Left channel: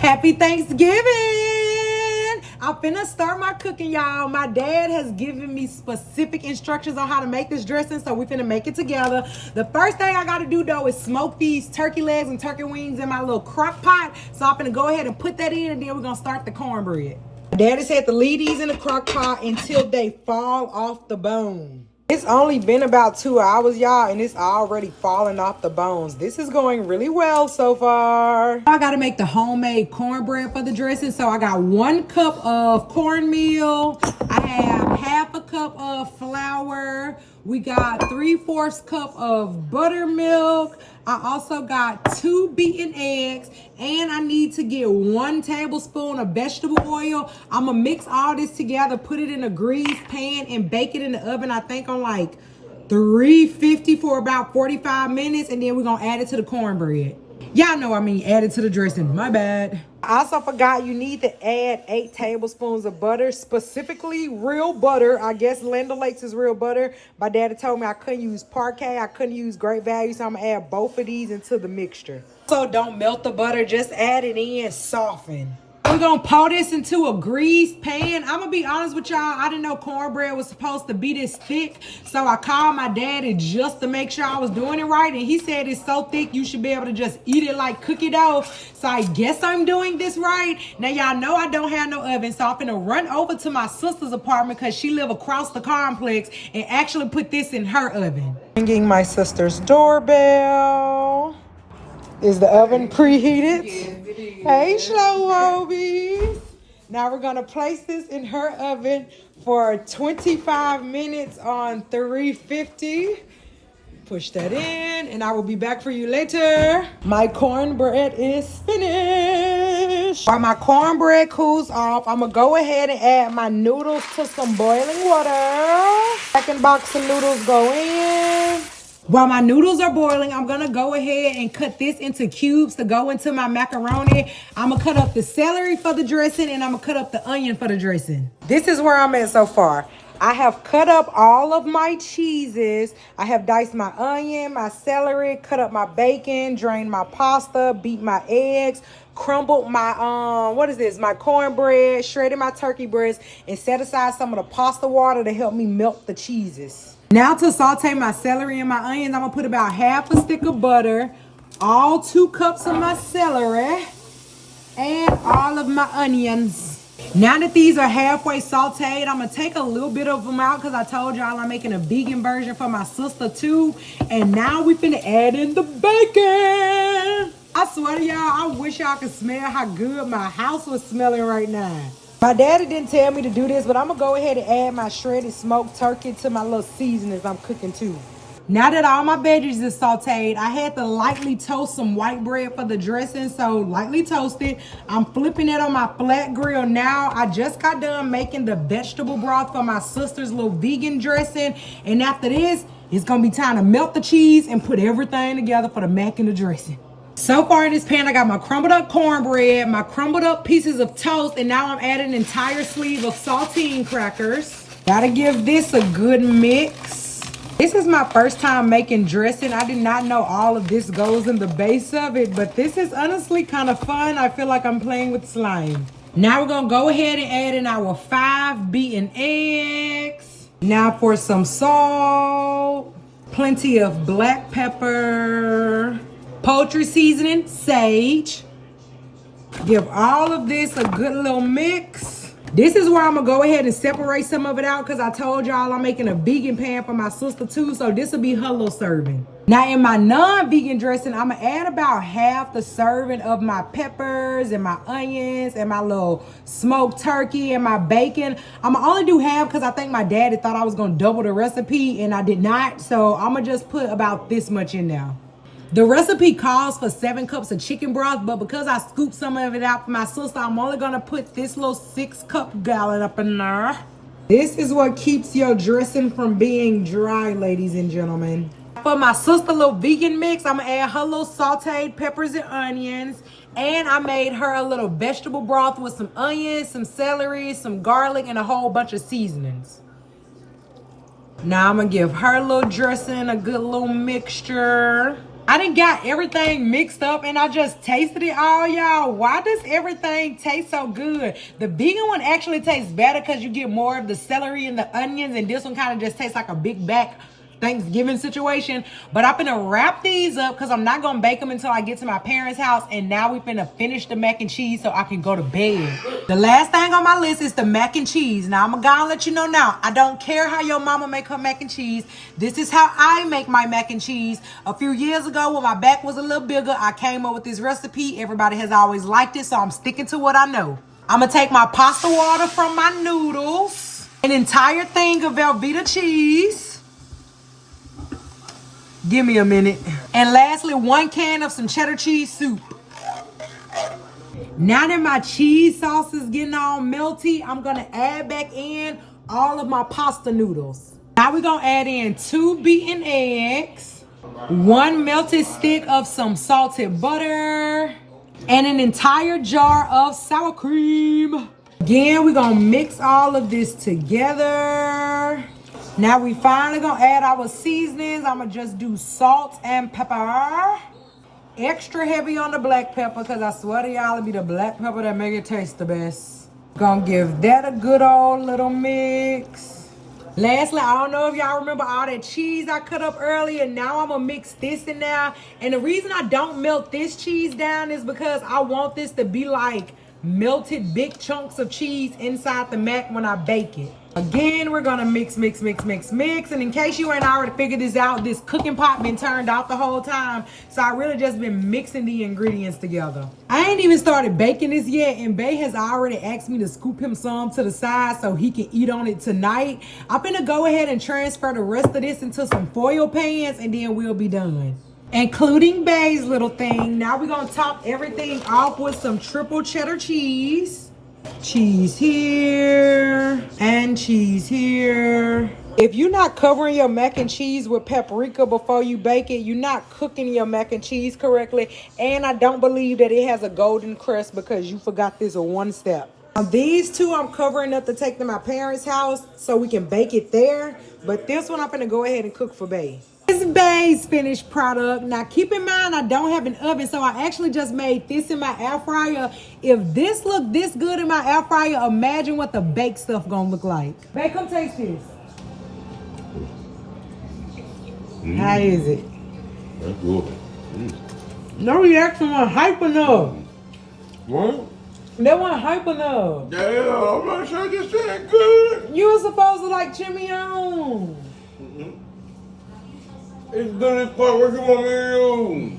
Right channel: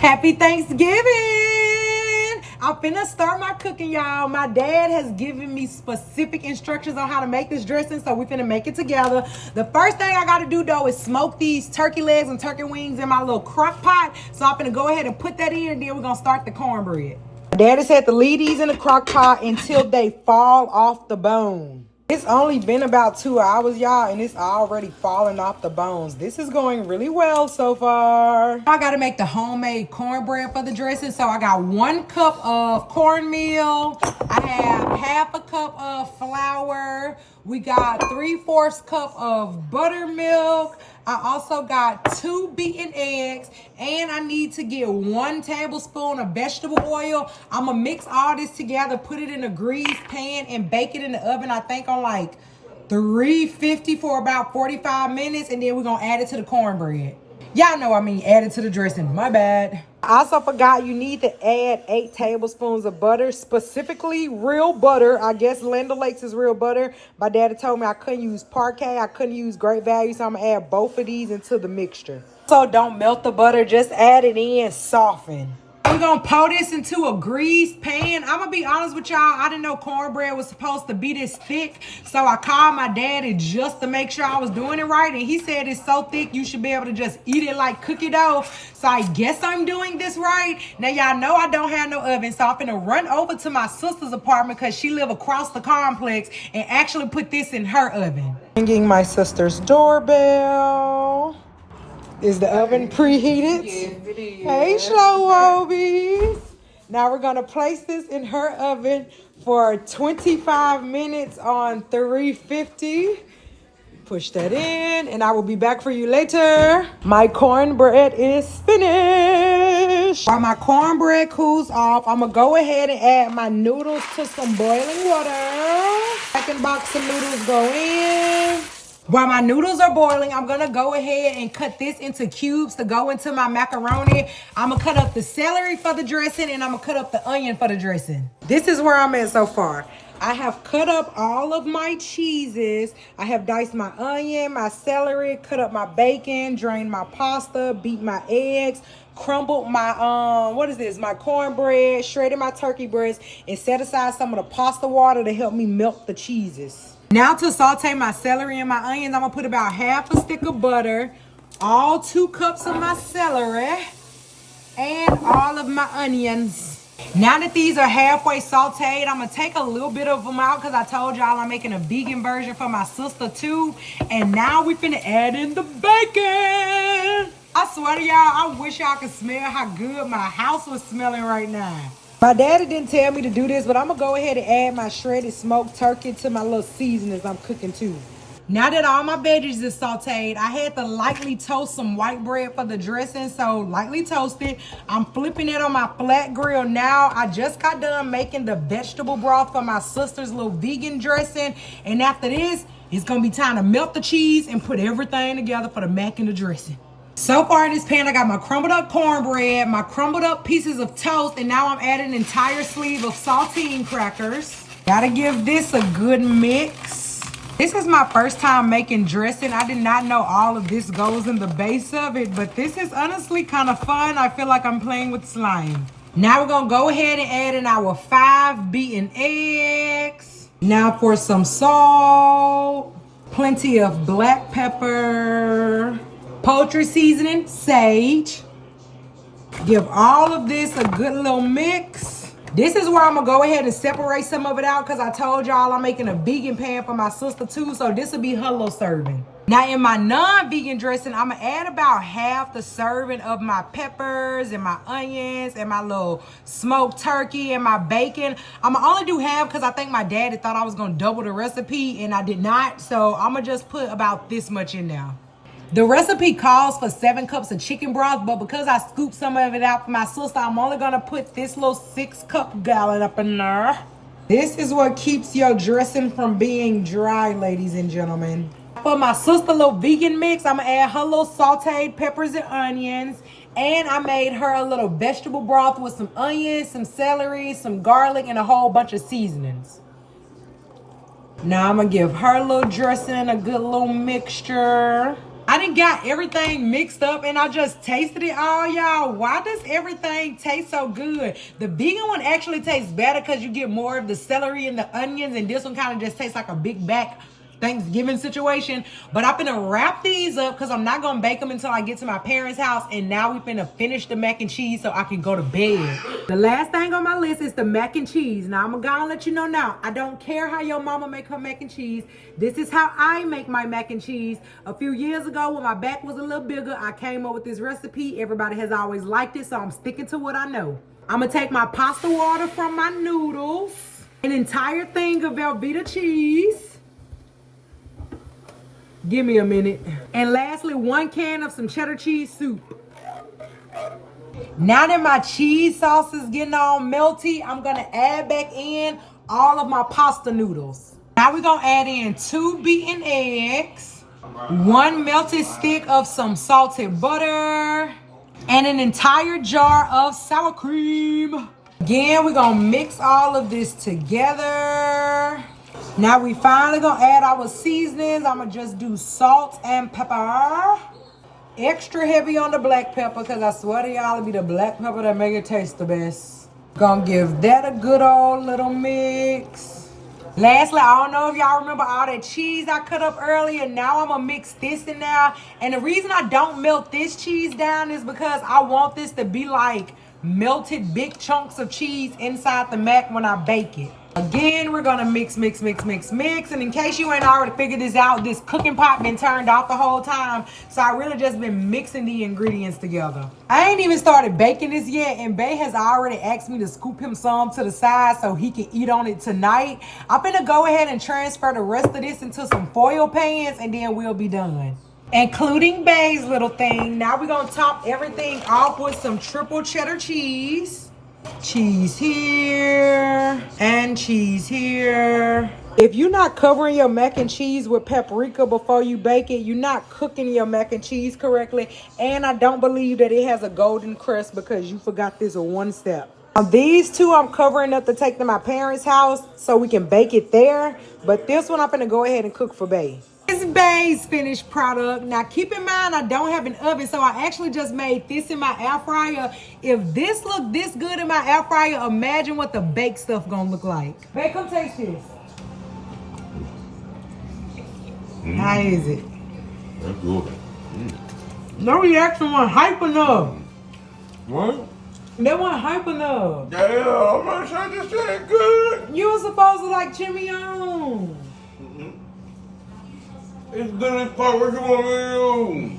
Happy Thanksgiving! I'm finna start my cooking, y'all. My dad has given me specific instructions on how to make this dressing, so we finna make it together. The first thing I gotta do, though, is smoke these turkey legs and turkey wings in my little crock pot. So I'm finna go ahead and put that in, and then we're gonna start the cornbread. My dad has had to leave these in the crock pot until they fall off the bone. It's only been about 2 hours, y'all, and it's already falling off the bones. This is going really well so far. I gotta make the homemade cornbread for the dressing. So I got 1 cup of cornmeal. I have half a cup of flour. We got 3/4 cup of buttermilk. I also got 2 beaten eggs, and I need to get 1 tablespoon of vegetable oil. I'm gonna mix all this together, put it in a greased pan, and bake it in the oven, I think on like 350 for about 45 minutes, and then we're gonna add it to the cornbread. Y'all know I mean add it to the dressing, my bad. I also forgot you need to add 8 tablespoons of butter, specifically real butter. I guess Land O'Lakes is real butter. My daddy told me I couldn't use Parquet, I couldn't use Great Value, so I'm gonna add both of these into the mixture. So don't melt the butter, just add it in, soften. I'm gonna pour this into a greased pan. I'm gonna be honest with y'all, I didn't know cornbread was supposed to be this thick. So I called my daddy just to make sure I was doing it right. And he said it's so thick you should be able to just eat it like cookie dough. So I guess I'm doing this right. Now y'all know I don't have no oven. So I'm gonna run over to my sister's apartment because she live across the complex and actually put this in her oven. Ringing my sister's doorbell. Is the oven preheated? Yes, it is. Hey, Slow Obies. Now we're gonna place this in her oven for 25 minutes on 350. Push that in, and I will be back for you later. My cornbread is finished. While my cornbread cools off, I'm gonna go ahead and add my noodles to some boiling water. Second box of noodles go in. While my noodles are boiling, I'm gonna go ahead and cut this into cubes to go into my macaroni. I'm gonna cut up the celery for the dressing, and I'm gonna cut up the onion for the dressing. This is where I'm at so far. I have cut up all of my cheeses. I have diced my onion, my celery, cut up my bacon, drained my pasta, beat my eggs, crumbled my, my cornbread, shredded my turkey breast, and set aside some of the pasta water to help me melt the cheeses. Now to saute my celery and my onions, I'm gonna put about half a stick of butter, all 2 cups of my celery, and all of my onions. Now that these are halfway sauteed, I'm gonna take a little bit of them out because I told y'all I'm making a vegan version for my sister too. And now we finna add in the bacon. I swear to y'all, I wish y'all could smell how good my house was smelling right now. My daddy didn't tell me to do this, but I'm gonna go ahead and add my shredded smoked turkey to my little seasonings I'm cooking too. Now that all my veggies is sauteed, I had to lightly toast some white bread for the dressing, so lightly toasted. I'm flipping it on my flat grill now. I just got done making the vegetable broth for my sister's little vegan dressing, and after this, it's gonna be time to melt the cheese and put everything together for the mac and the dressing. So far in this pan, I got my crumbled up cornbread, my crumbled up pieces of toast, and now I'm adding an entire sleeve of Sautéing crackers. Gotta give this a good mix. This is my first time making dressing. I did not know all of this goes in the base of it, but this is honestly kind of fun. I feel like I'm playing with slime. Now we're gonna go ahead and add in our 5 beaten eggs. Now for some salt, plenty of black pepper, poultry seasoning, sage. Give all of this a good little mix. This is where I'm gonna go ahead and separate some of it out because I told y'all I'm making a vegan pan for my sister too, so this will be her little serving. Now in my non-vegan dressing, I'm gonna add about half the serving of my peppers and my onions and my little smoked turkey and my bacon. I'm gonna only do half because I think my daddy thought I was gonna double the recipe and I did not, so I'm gonna just put about this much in there. The recipe calls for 7 cups of chicken broth, but because I scooped some of it out for my sister, I'm only gonna put this little 6-cup gallon up in there. This is what keeps your dressing from being dry, ladies and gentlemen. For my sister little vegan mix, I'm gonna add her little sauteed peppers and onions, and I made her a little vegetable broth with some onions, some celery, some garlic, and a whole bunch of seasonings. Now I'm gonna give her little dressing a good little mixture. I done got everything mixed up and I just tasted it all, y'all. Why does everything taste so good? The vegan one actually tastes better because you get more of the celery and the onions, and this one kind of just tastes like a big back Thanksgiving situation. But I'm finna wrap these up because I'm not gonna bake them until I get to my parents' house. And now we finna finish the mac and cheese so I can go to bed. The last thing on my list is the mac and cheese. Now I'm gonna let you know now, I don't care how your mama make her mac and cheese. This is how I make my mac and cheese. A few years ago when my back was a little bigger, I came up with this recipe. Everybody has always liked it, so I'm sticking to what I know. I'm gonna take my pasta water from my noodles, an entire thing of Velveeta cheese. Give me a minute. And lastly, 1 can of some cheddar cheese soup. Now that my cheese sauce is getting all melty, I'm gonna add back in all of my pasta noodles. Now we're gonna add in 2 beaten eggs, 1 melted stick of some salted butter, and an entire jar of sour cream. Again, we're gonna mix all of this together. Now we finally gonna add our seasonings. I'm gonna just do salt and pepper. Extra heavy on the black pepper because I swear to y'all it'll be the black pepper that make it taste the best. Gonna give that a good old little mix. Lastly, I don't know if y'all remember all that cheese I cut up earlier. Now I'm gonna mix this in there. And the reason I don't melt this cheese down is because I want this to be like melted big chunks of cheese inside the mac when I bake it. Again, we're gonna mix. And in case you ain't already figured this out, this cooking pot been turned off the whole time. So I really just been mixing the ingredients together. I ain't even started baking this yet, and Bae has already asked me to scoop him some to the side so he can eat on it tonight. I'm gonna go ahead and transfer the rest of this into some foil pans, and then we'll be done. Including Bae's little thing. Now we're gonna top everything off with some triple cheddar cheese. Cheese here and cheese here. If you're not covering your mac and cheese with paprika before you bake it, you're not cooking your mac and cheese correctly. And I don't believe that it has a golden crust because you forgot this one step. Now these two I'm covering up to take to my parents' house so we can bake it there. But this one I'm gonna go ahead and cook for Bae. This is Bae's finished product. Now keep in mind I don't have an oven, so I actually just made this in my air fryer. If this looked this good in my air fryer, imagine what the baked stuff gonna look like. Bae, come taste this. How is it? That's good. No reaction wasn't hype enough. What? That wasn't hype enough. Damn, I'm not sure this ain't good. You were supposed to like Chimion. It's good as fuck. What you want me to do?